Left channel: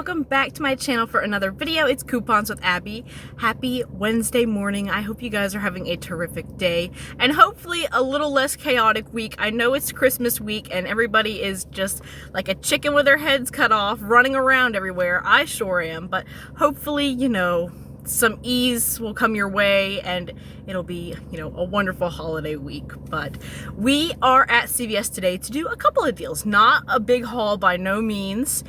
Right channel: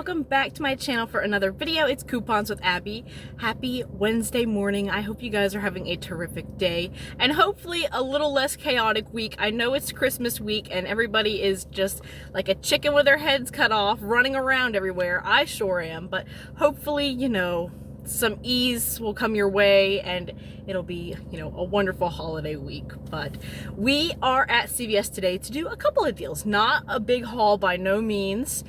welcome back to my channel for another video. It's Coupons with Abby. Happy Wednesday morning. I hope you guys are having a terrific day and hopefully a little less chaotic week. I know it's Christmas week and everybody is just like a chicken with their heads cut off, running around everywhere. I sure am, but hopefully, you know, some ease will come your way and it'll be, you know, a wonderful holiday week. But we are at CVS today to do a couple of deals. Not a big haul by no means.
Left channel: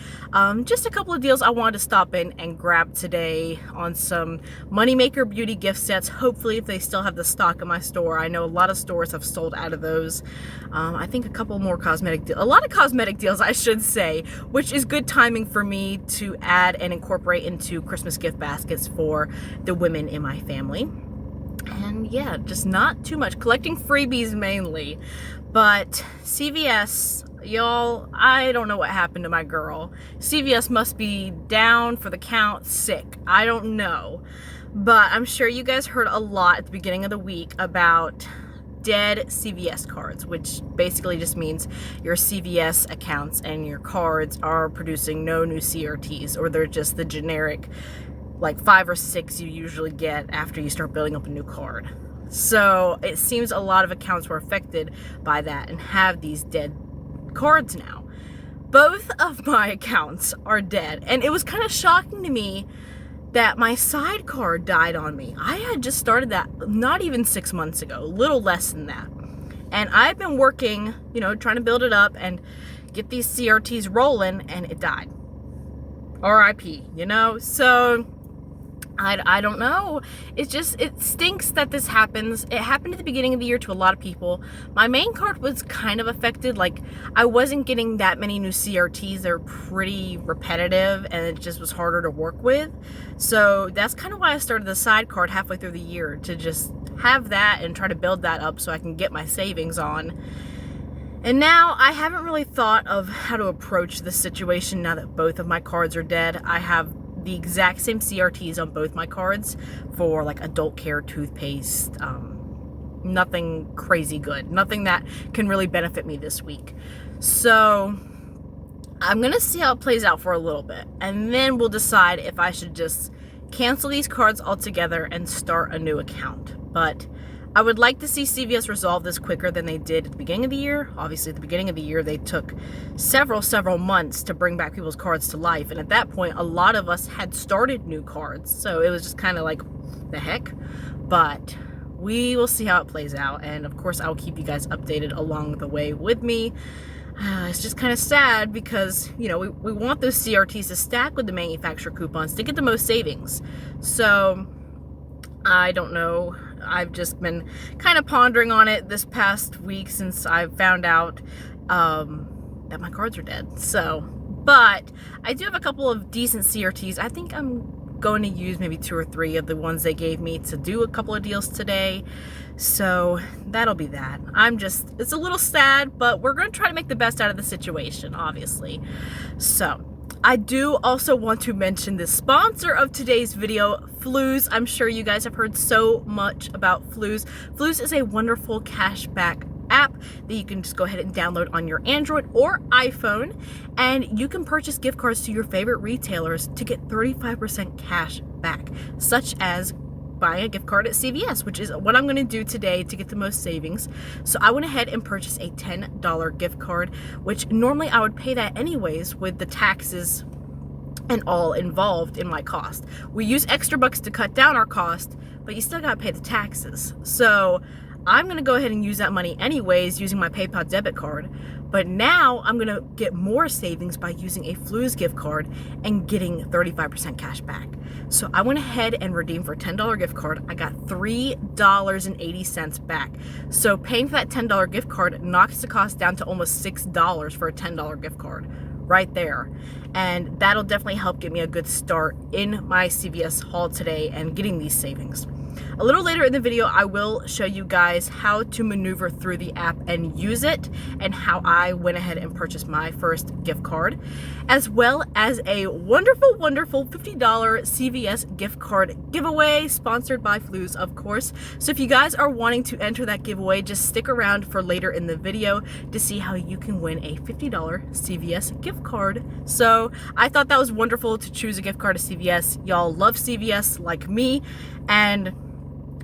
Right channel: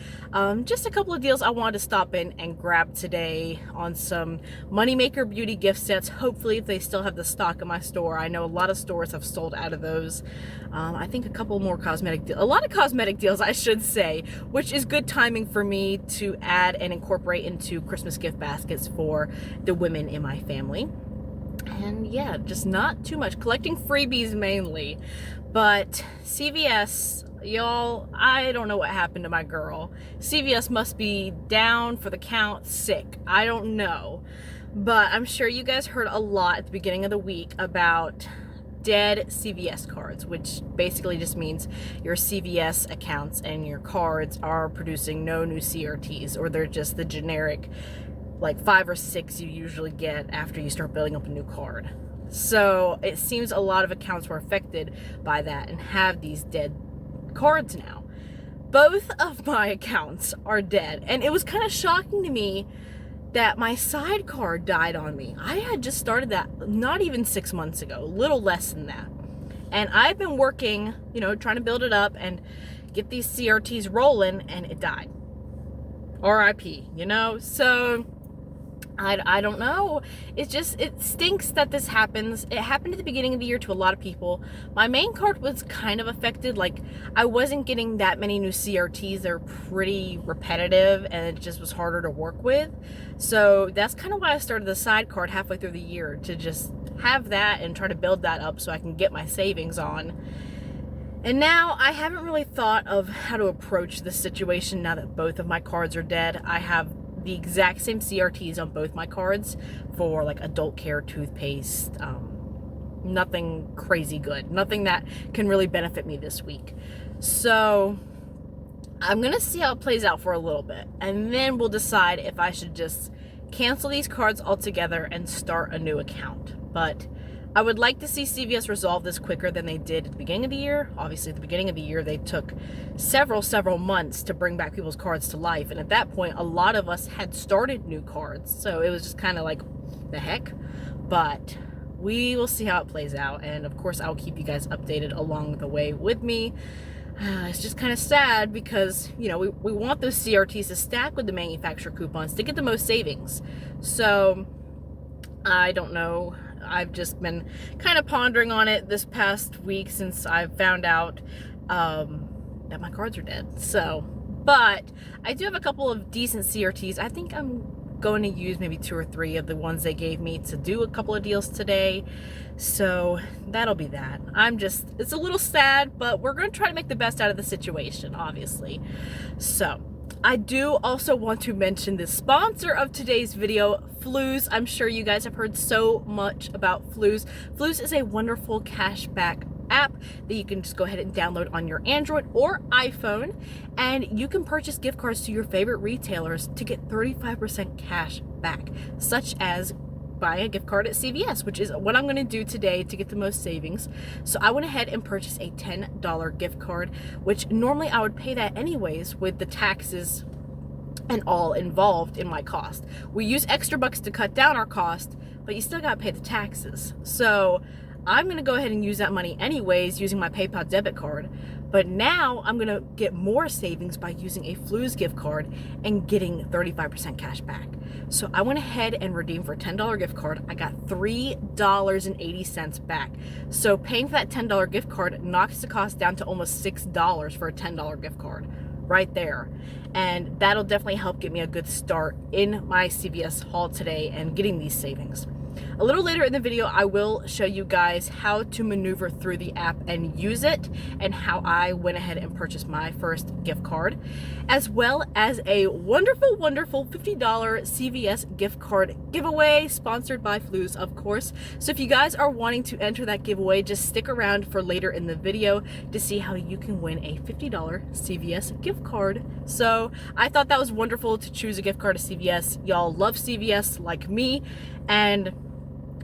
Just a couple of deals I wanted to stop in and grab today on some Moneymaker beauty gift sets. Hopefully, if they still have the stock in my store. I know a lot of stores have sold out of those. I think a couple more a lot of cosmetic deals, I should say, which is good timing for me to add and incorporate into Christmas gift baskets for the women in my family. And yeah, just not too much. Collecting freebies mainly. But CVS, y'all, I don't know what happened to my girl. CVS must be down for the count, sick. I don't know. But I'm sure you guys heard a lot at the beginning of the week about dead CVS cards, which basically just means your CVS accounts and your cards are producing no new CRTs, or they're just the generic like 5 or 6 you usually get after you start building up a new card. So it seems a lot of accounts were affected by that and have these dead cards now. Both of my accounts are dead, and it was kind of shocking to me that my sidecar died on me. I had just started that not even 6 months ago, a little less than that. And I've been working, you know, trying to build it up and get these CRTs rolling, and it died. RIP, you know? So I don't know. It stinks that this happens. It happened at the beginning of the year to a lot of people. My main card was kind of affected. Like, I wasn't getting that many new CRTs. They're pretty repetitive and it just was harder to work with. So that's kind of why I started the side card halfway through the year, to just have that and try to build that up so I can get my savings on. And now I haven't really thought of how to approach this situation now that both of my cards are dead. I have the exact same CRTs on both my cards for like adult care, toothpaste, nothing crazy good, nothing that can really benefit me this week. So I'm gonna see how it plays out for a little bit, and then we'll decide if I should just cancel these cards altogether and start a new account. But I would like to see CVS resolve this quicker than they did at the beginning of the year. Obviously, at the beginning of the year, they took several months to bring back people's cards to life. And at that point, a lot of us had started new cards. So it was just kind of like, the heck? But we will see how it plays out. And of course, I'll keep you guys updated along the way with me. It's just kind of sad because, you know, we want those CRTs to stack with the manufacturer coupons to get the most savings. So I don't know. I've just been kind of pondering on it this past week since I've found out that my cards are dead. So, but I do have a couple of decent CRTs. I think I'm going to use maybe 2 or 3 of the ones they gave me to do a couple of deals today. So that'll be that. It's a little sad, but we're going to try to make the best out of the situation, obviously. So I do also want to mention the sponsor of today's video, Fluz. I'm sure you guys have heard so much about Fluz. Fluz is a wonderful cashback app that you can just go ahead and download on your Android or iPhone, and you can purchase gift cards to your favorite retailers to get 35% cash back, such as buying a gift card at CVS, which is what I'm going to do today to get the most savings. So I went ahead and purchased a $10 gift card, which normally I would pay that anyways with the taxes and all involved in my cost. We use extra bucks to cut down our cost, but you still got to pay the taxes. So I'm going to go ahead and use that money anyways using my PayPal debit card. But now I'm going to get more savings by using a Fluz gift card and getting 35% cash back. So I went ahead and redeemed for a $10 gift card. I got $3.80 back. So paying for that $10 gift card knocks the cost down to almost $6 for a $10 gift card right there. And that'll definitely help get me a good start in my CVS haul today and getting these savings. A little later in the video, I will show you guys how to maneuver through the app and use it, and how I went ahead and purchased my first gift card, as well as a wonderful, wonderful $50 CVS gift card giveaway sponsored by Fluz, of course. So if you guys are wanting to enter that giveaway, just stick around for later in the video to see how you can win a $50 CVS gift card. So I thought that was wonderful to choose a gift card to CVS. Y'all love CVS like me, and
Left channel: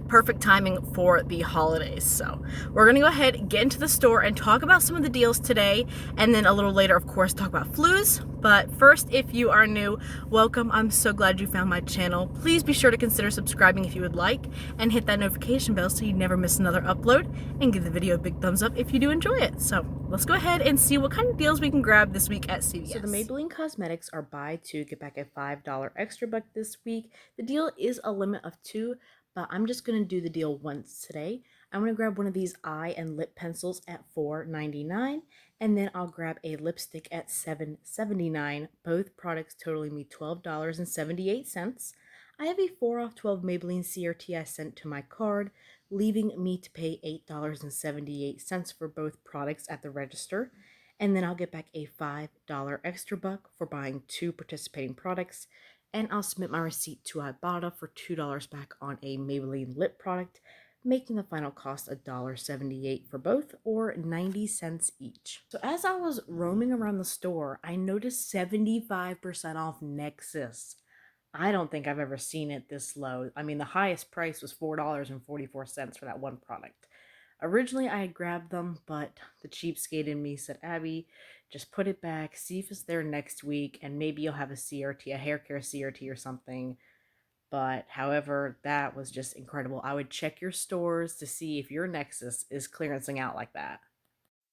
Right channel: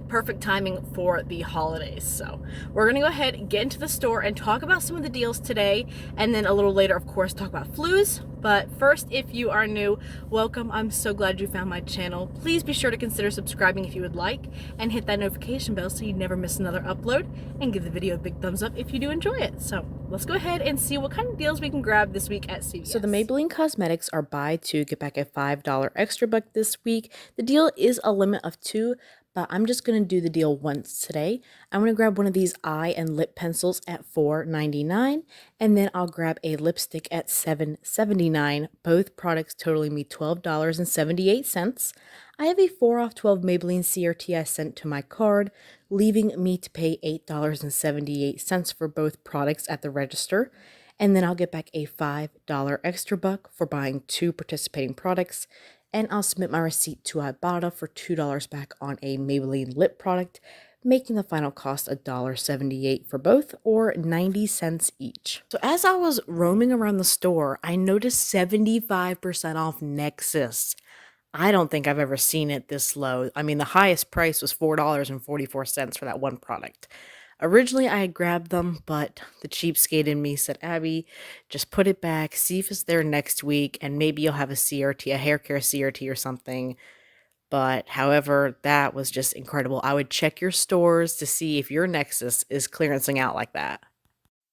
perfect timing for the holidays. So we're gonna go ahead and get into the store and talk about some of the deals today, and then a little later, of course, talk about Fluz. But first, if you are new, welcome. I'm so glad you found my channel. Please be sure to consider subscribing if you would like, and hit that notification bell so you never miss another upload, and give the video a big thumbs up if you do enjoy it. So let's go ahead and see what kind of deals we can grab this week at CVS. So the Maybelline Cosmetics are buy two, get back a $5 extra buck this week. The deal is a limit of 2, but I'm just going to do the deal once today. I'm going to grab one of these eye and lip pencils at $4.99, and then I'll grab a lipstick at $7.79. Both products totaling me $12.78. I have a 4 off 12 Maybelline CRT I sent to my card, leaving me to pay $8.78 for both products at the register. And then I'll get back a $5 extra buck for buying 2 participating products. And I'll submit my receipt to Ibotta for $2 back on a Maybelline lip product, making the final cost $1.78 for both, or 90 cents each. So as I was roaming around the store, I noticed 75% off Nexus. I don't think I've ever seen it this low. I mean, the highest price was $4.44 for that one product. Originally, I had grabbed them, but the cheapskate in me said, Abby, just put it back, see if it's there next week, and maybe you'll have a CRT, a hair care CRT or something. But however, that was just incredible. I would check your stores to see if your Nexus is clearancing out like that.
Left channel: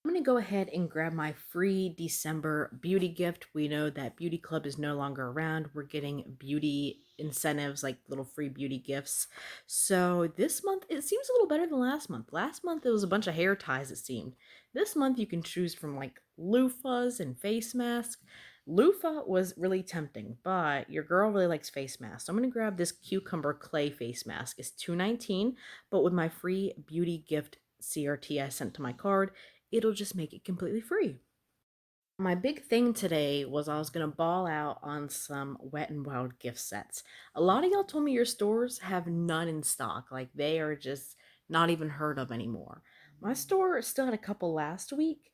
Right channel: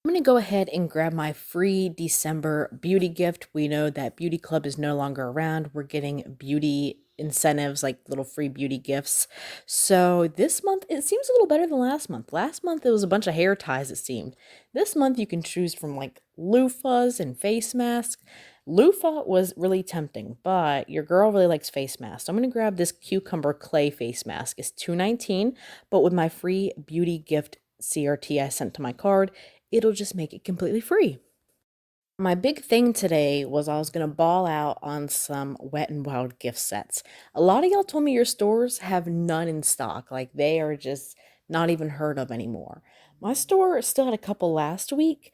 I'm going to go ahead and grab my free December beauty gift. We know that Beauty Club is no longer around. We're getting beauty incentives, like little free beauty gifts. So this month, it seems a little better than last month. Last month, it was a bunch of hair ties, it seemed. This month, you can choose from like loofahs and face masks. Loofah was really tempting, but your girl really likes face masks. So I'm going to grab this cucumber clay face mask. It's $2.19, but with my free beauty gift CRT I sent to my card, it'll just make it completely free. My big thing today was I was going to ball out on some Wet n Wild gift sets. A lot of y'all told me your stores have none in stock. Like, they are just not even heard of anymore. My store still had a couple last week,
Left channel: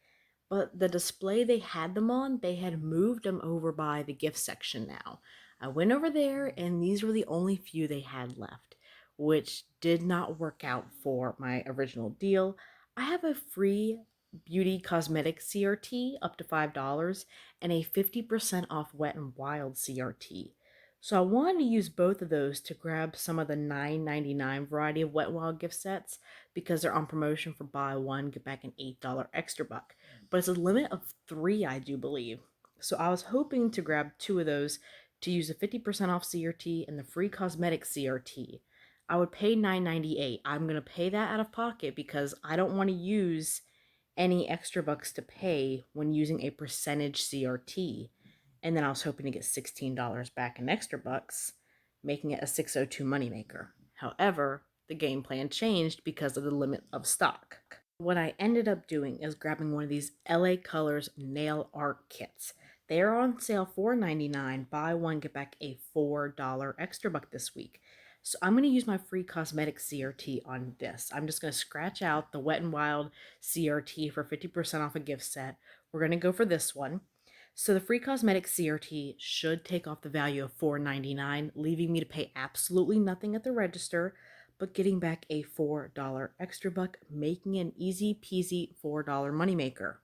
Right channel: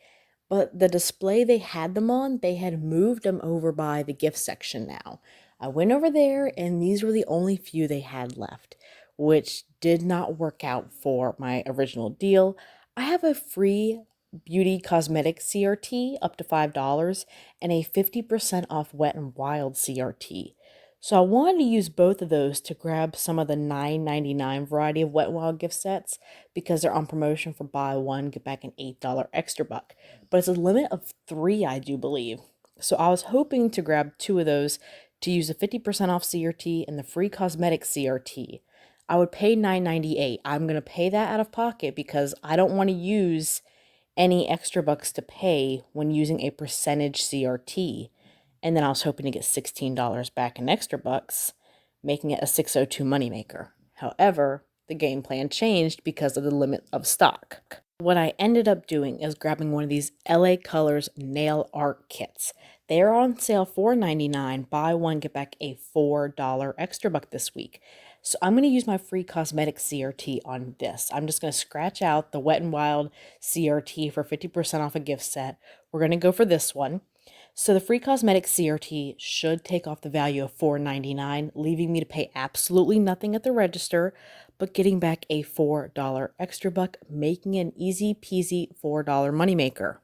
but the display they had them on, they had moved them over by the gift section now. I went over there, and these were the only few they had left, which did not work out for my original deal. I have a free beauty cosmetic CRT up to $5 and a 50% off Wet n Wild CRT. So I wanted to use both of those to grab some of the $9.99 variety of Wet n Wild gift sets, because they're on promotion for buy one, get back an $8 extra buck. But it's a limit of 3, I do believe. So I was hoping to grab 2 of those to use the 50% off CRT and the free cosmetic CRT. I would pay $9.98. I'm going to pay that out of pocket because I don't want to use any extra bucks to pay when using a percentage CRT. And then I was hoping to get $16 back in extra bucks, making it a 602 moneymaker. However, the game plan changed because of the limit of stock. What I ended up doing is grabbing one of these LA Colors nail art kits. They are on sale $4.99. Buy one, get back a $4 extra buck this week. So I'm going to use my free cosmetic CRT on this. I'm just going to scratch out the Wet n Wild CRT for 50% off a gift set. We're going to go for this one. So the free cosmetic CRT should take off the value of $4.99, leaving me to pay absolutely nothing at the register, but getting back a $4 extra buck, making an easy peasy $4 moneymaker.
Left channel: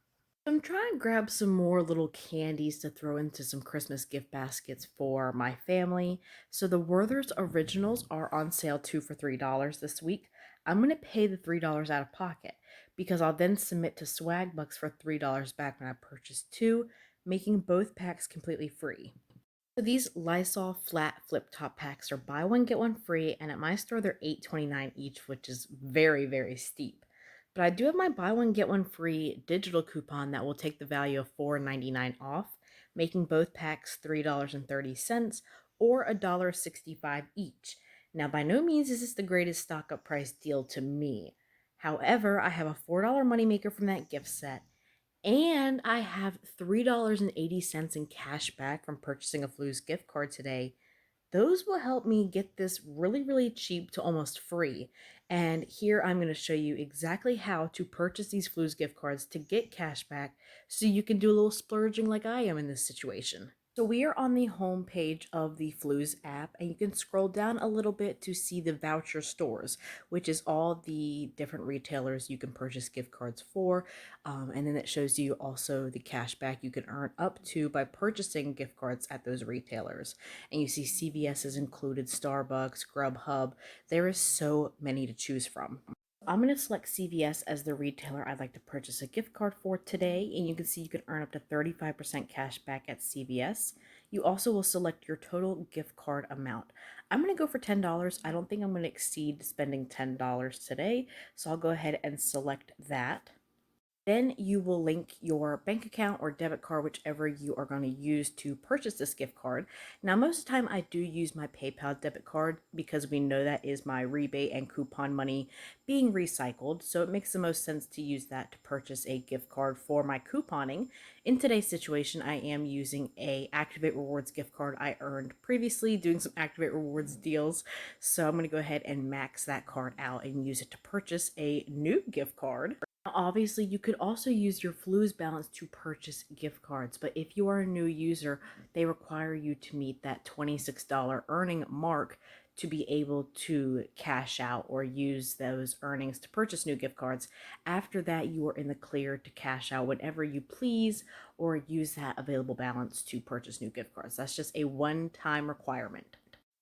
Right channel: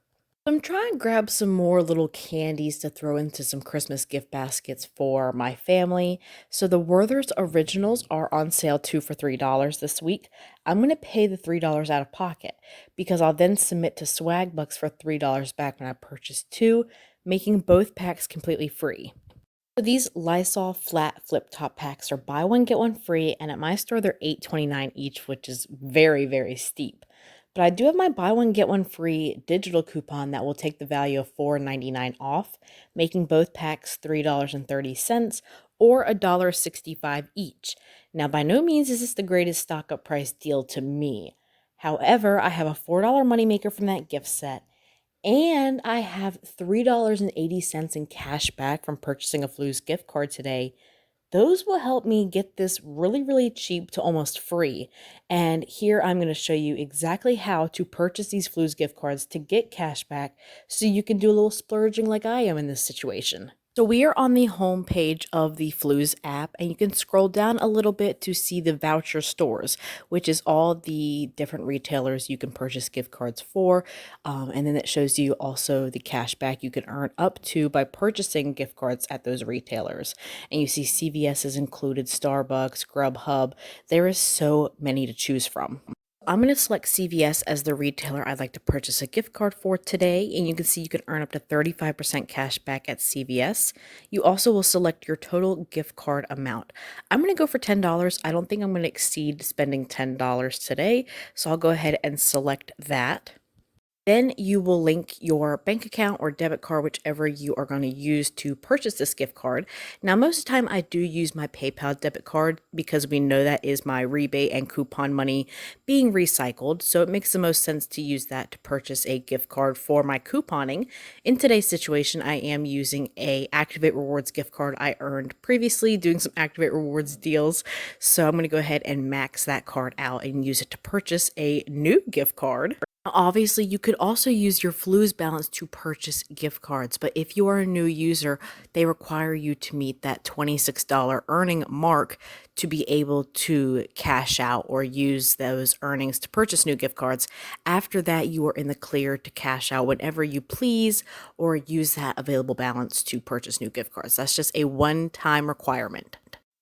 I'm trying to grab some more little candies to throw into some Christmas gift baskets for my family. So the Werther's Originals are on sale 2 for $3 this week. I'm going to pay the $3 out of pocket because I'll then submit to Swagbucks for $3 back when I purchase 2, making both packs completely free. So these Lysol flat flip top packs are buy one, get one free, and at my store they're $8.29 each, which is very, very steep. But I do have my buy one, get one free digital coupon that will take the value of $4.99 off, making both packs $3.30 or $1.65 each. Now, by no means is this the greatest stock up price deal to me. However, I have a $4 moneymaker from that gift set, and I have $3.80 in cash back from purchasing a Fluz gift card today. Those will help me get this really, really cheap to almost free. And here I'm going to show you exactly how to purchase these Fluz gift cards to get cash back so you can do a little splurging like I am in this situation. So we are on the home page of the Fluz app, and you can scroll down a little bit to see the voucher stores, which is all the different retailers you can purchase gift cards for. And then it shows you also the cash back you can earn up to by purchasing gift cards at those retailers. And you see CVS is included, Starbucks, Grubhub. There is so many to choose from. I'm going to select CVS as the retailer I'd like to purchase a gift card for today, and you can see you can earn up to 35% cash back at CVS. You also will select your total gift card amount. I'm going to go for $10. I don't think I'm going to exceed spending $10 today, so I'll go ahead and select that. Then you will link your bank account or debit card, whichever you are going to use to purchase this gift card. Now, most of the time I do use my PayPal debit card because we know that is my rebate and coupon money being recycled. So it makes the most sense to use that to purchase a gift card for my couponing. In today's situation, I am using a Activate Rewards gift card I earned previously doing some Activate Rewards deals. So I'm going to go ahead and max that card out and use it to purchase a new gift card. Obviously, you could also use your Fluz balance to purchase gift cards, but if you are a new user, they require you to meet that $26 earning mark to be able to cash out or use those earnings to purchase new gift cards. After that, you are in the clear to cash out whenever you please or use that available balance to purchase new gift cards. That's just a one-time requirement.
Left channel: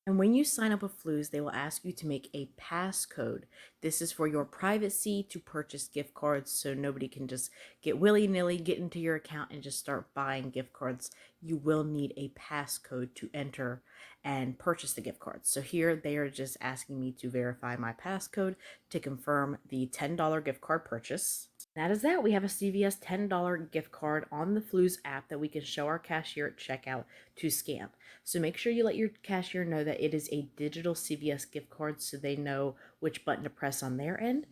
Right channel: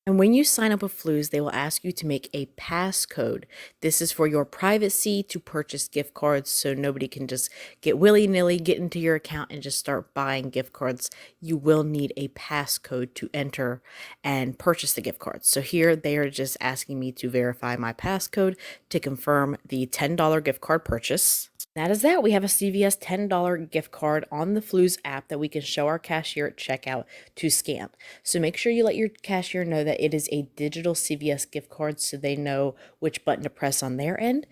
And when you sign up with Fluz, they will ask you to make a passcode. This is for your privacy to purchase gift cards so nobody can just get willy-nilly, get into your account and just start buying gift cards. You will need a passcode to enter and purchase the gift cards. So here they are just asking me to verify my passcode to confirm the $10 gift card purchase. That is that. We have a CVS $10 gift card on the Fluz app that we can show our cashier at checkout to scan. So make sure you let your cashier know that it is a digital CVS gift card so they know which button to press on their end.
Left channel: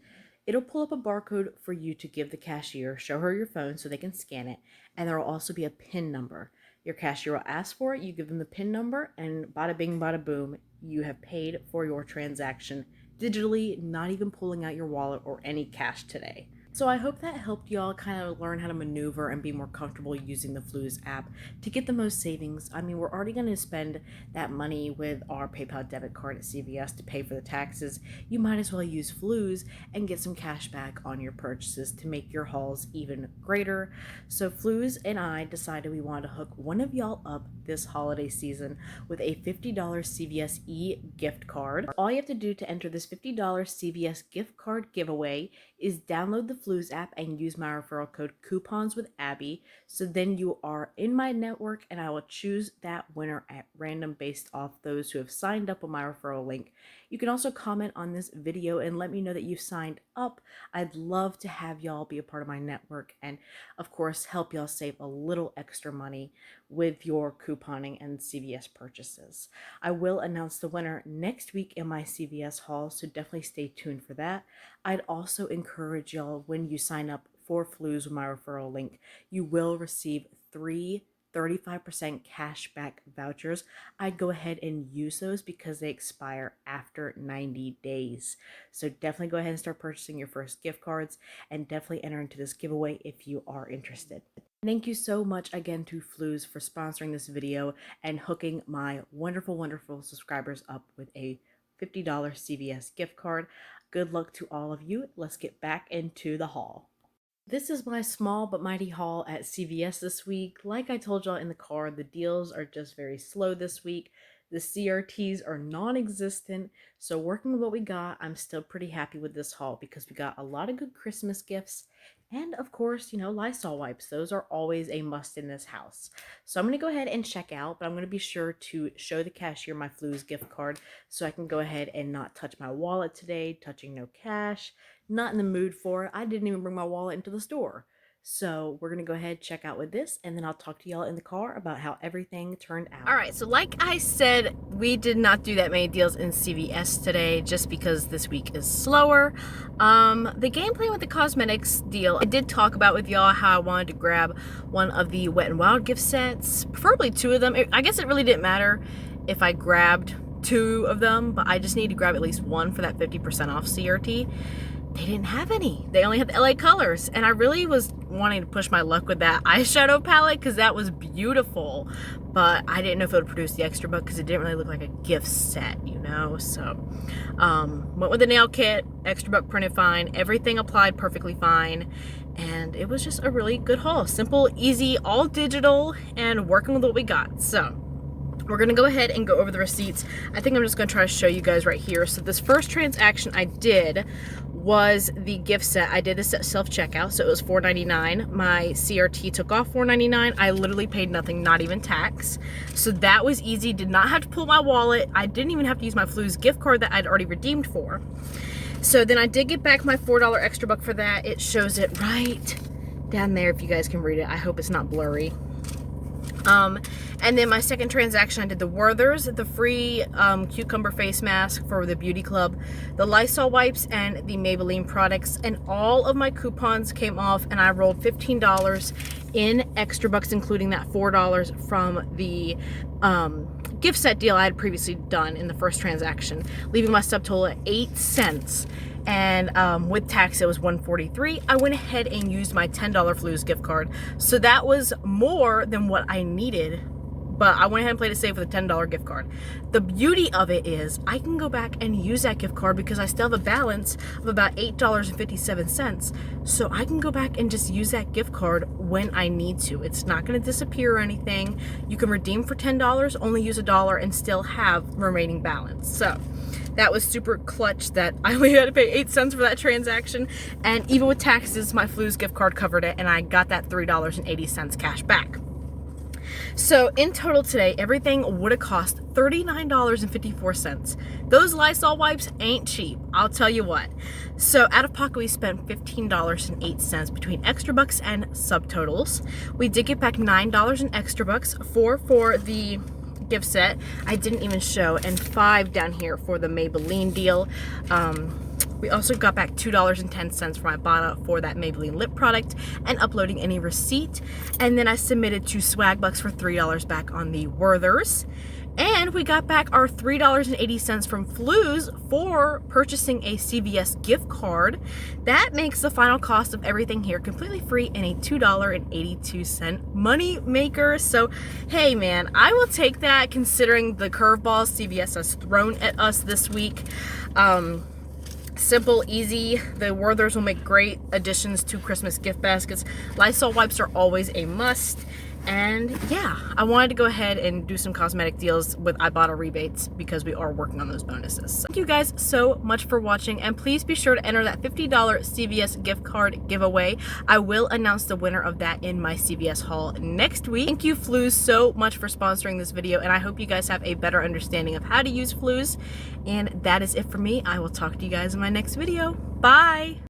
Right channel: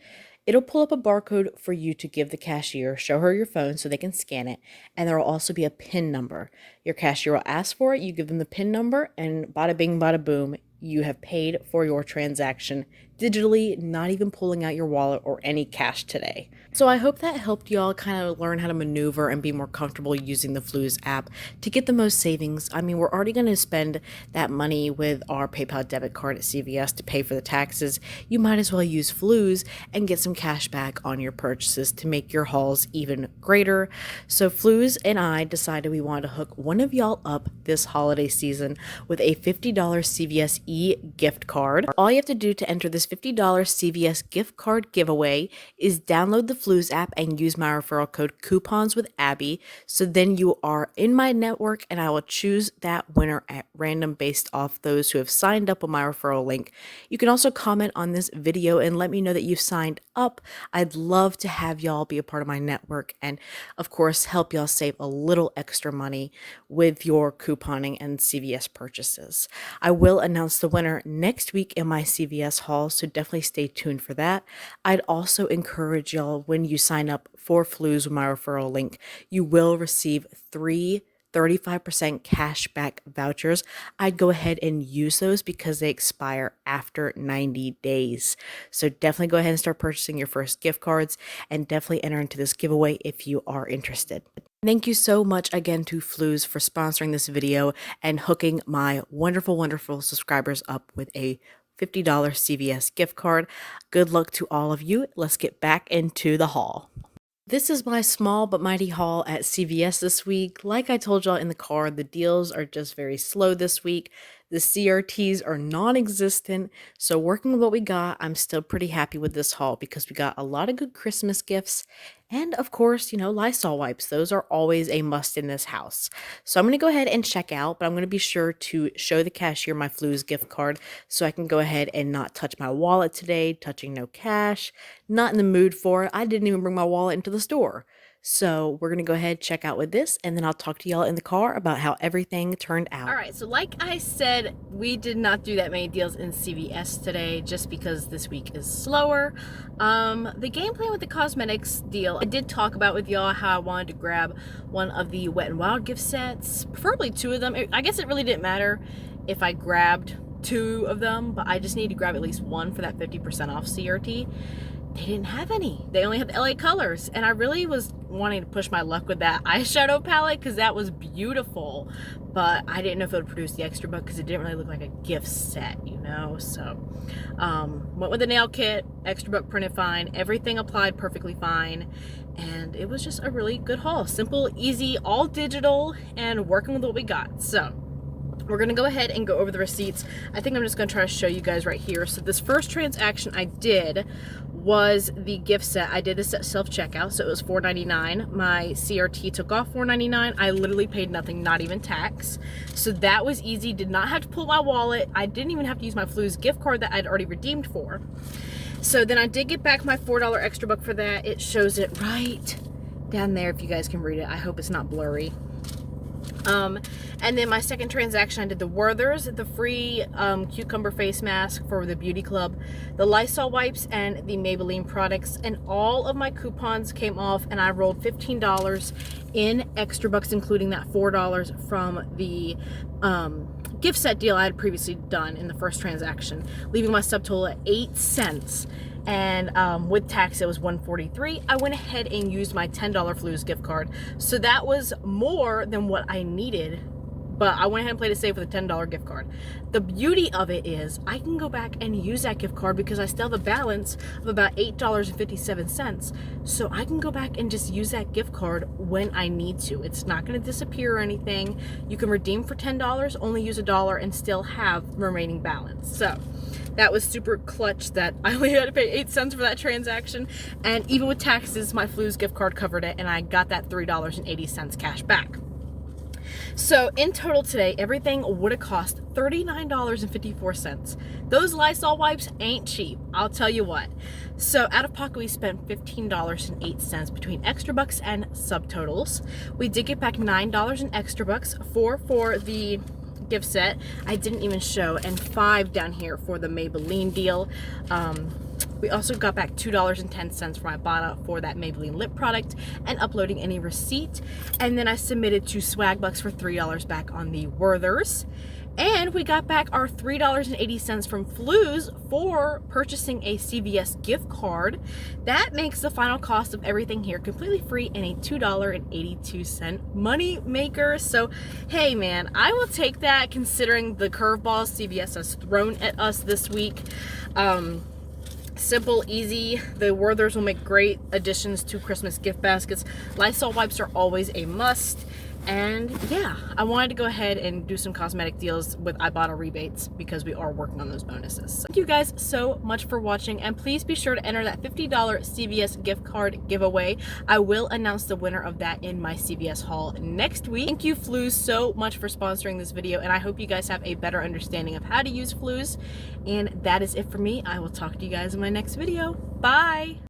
It'll pull up a barcode for you to give the cashier, show her your phone so they can scan it, and there will also be a PIN number. Your cashier will ask for it, you give them the PIN number, and bada bing, bada boom, you have paid for your transaction digitally, not even pulling out your wallet or any cash today. So I hope that helped y'all kind of learn how to maneuver and be more comfortable using the Fluz app to get the most savings. I mean, we're already going to spend that money with our PayPal debit card at CVS to pay for the taxes. You might as well use Fluz and get some cash back on your purchases to make your hauls even greater. So Fluz and I decided we wanted to hook one of y'all up this holiday season with a $50 CVS gift card. All you have to do to enter this $50 CVS gift card giveaway is download the Fluz app and use my referral code coupons with Abby. So then you are in my network and I will choose that winner at random based off those who have signed up with my referral link. You can also comment on this video and let me know that you've signed up. I'd love to have y'all be a part of my network and of course help y'all save a little extra money with your couponing and CVS purchases. I will announce the winner next week in my CVS haul, so definitely stay tuned for that. I'd also encourage y'all when you sign up for Fluz with my referral link, you will receive 35% cash back vouchers. I'd go ahead and use those because they expire after 90 days. So definitely go ahead and start purchasing your first gift cards and definitely enter into this giveaway if you are interested. Thank you so much again to Fluz for sponsoring this video and hooking my wonderful, wonderful subscribers up with a $50 CVS gift card. Good luck to all of you. Let's get back into the haul. This is my small but mighty haul at CVS this week. Like I told y'all in the car, the deals are just very slow this week. The CRTs are non-existent, so working with what we got, I'm still pretty happy with this haul because we got a lot of good Christmas gifts and of course, Lysol wipes. Those are always a must in this house. So I'm going to go ahead and check out, but I'm going to be sure to show the cashier my Fluz gift card so I can go ahead and not touch my wallet today, touching no cash, not in the mood for it. I didn't even bring my wallet into the store. So we're gonna go ahead, check out with this, and then I'll talk to y'all in the car about how everything turned out. All right, so like I said, we did not do that many deals in CVS today just because this week is slower. The game plan with the cosmetics deal, I did talk about with y'all how I wanted to grab one of the Wet n Wild gift sets, preferably 2 of them. I guess it really didn't matter if I grabbed 2 of them, but I just need to grab at least 1 for that 50% off CRT. They didn't have any. They only had the LA colors, and I really was wanting to push my luck with that eyeshadow palette because that was beautiful, but I didn't know if it would produce the extra buck because it didn't really look like a gift set, you know. So went with the nail kit, extra buck printed fine, everything applied perfectly fine, and it was just a really good haul. Simple, easy, all digital, and working with what we got. So we're gonna go ahead and go over the receipts. I think I'm just gonna try to show you guys right here. So this first transaction I did was the gift set. I did this at self-checkout, so it was $4.99. My CRT took off $4.99. I literally paid nothing, not even tax. So that was easy. Did not have to pull my wallet. I didn't even have to use my Fluz gift card that I'd already redeemed for. So then I did get back my $4 extra buck for that. It shows it right down there if you guys can read it. I hope it's not blurry. And then my second transaction, I did the Werther's, the free cucumber face mask for the beauty club, the Lysol wipes, and the Maybelline products, and all of my coupons came off, and I rolled $15 in extra bucks, including that $4 from the gift set deal I had previously done in the first transaction, leaving my subtotal at 8 cents. And with tax it was $1.43. I went ahead and used my $10 Fluz gift card, so that was more than what I needed, but I went ahead and played it safe with a $10 gift card. The beauty of it is I can go back and use that gift card because I still have a balance of about $8.57, so I can go back and just use that gift card when I need to. It's not going to disappear or anything. You can redeem for $10, only use $1, and still have remaining balance. So that was super clutch that I only had to pay 8 cents for that transaction, and even with taxes, my Fluz gift card covered it, and I got that $3.80 cash back. So in total today, everything would have cost $39.54. Those Lysol wipes ain't cheap, I'll tell you what. So out of pocket, we spent $15.08 between extra bucks and subtotals. We did get back $9 in extra bucks, $4 for the gift set I didn't even show, and $5 down here for the Maybelline deal. We also got back $2.10 from Ibotta for that Maybelline lip product and uploading any receipt. And then I submitted to Swagbucks for $3 back on the Werther's. And we got back our $3.80 from Fluz for purchasing a CVS gift card. That makes the final cost of everything here completely free and a $2.82 Moneymaker. So, hey man, I will take that considering the curveballs CVS has thrown at us this week. Simple, easy. The Werther's will make great additions to Christmas gift baskets. Lysol wipes are always a must. And yeah, I wanted to go ahead and do some cosmetic deals with Ibotta rebates because we are working on those bonuses. So thank you guys so much for watching, and please be sure to enter that $50 CVS gift card giveaway. I will announce the winner of that in my CVS haul next week. Thank you, Fluz, so much for sponsoring this video, and I hope you guys have a better understanding of how to use Fluz. And that is it for me. I will talk to you guys in my next video. Bye!